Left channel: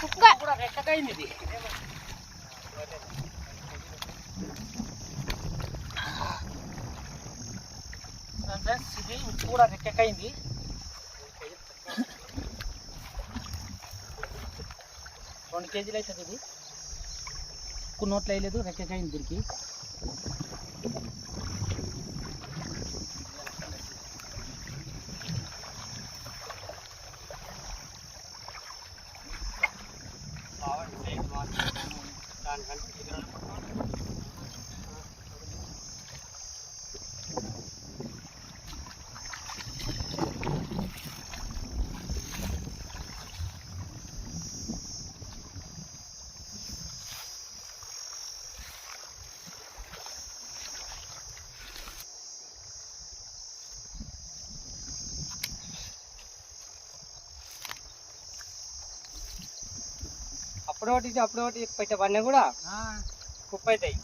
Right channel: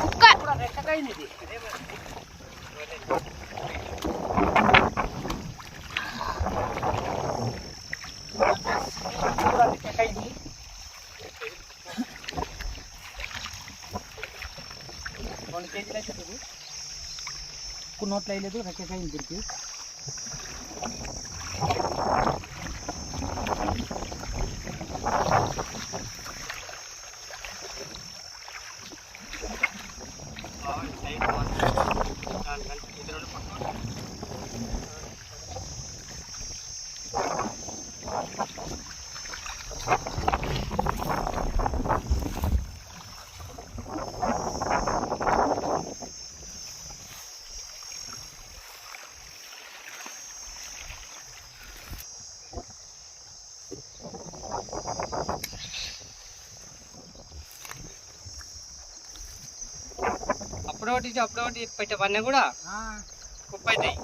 ここか。Kakaidi. రెండు కేజీలు అయితే కొన్ని నోట్లు వేయలేదు రెక్కకాయ తిరిగి అప్పుడు ఒకటి అప్పుడు ఒకటి పెట్టవన్నీ కూడా కుప్ప అవుతాయి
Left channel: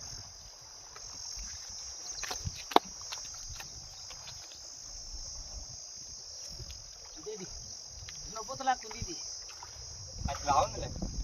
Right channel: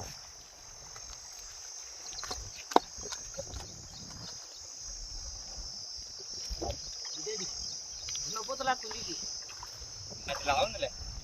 అది లావుందిలే.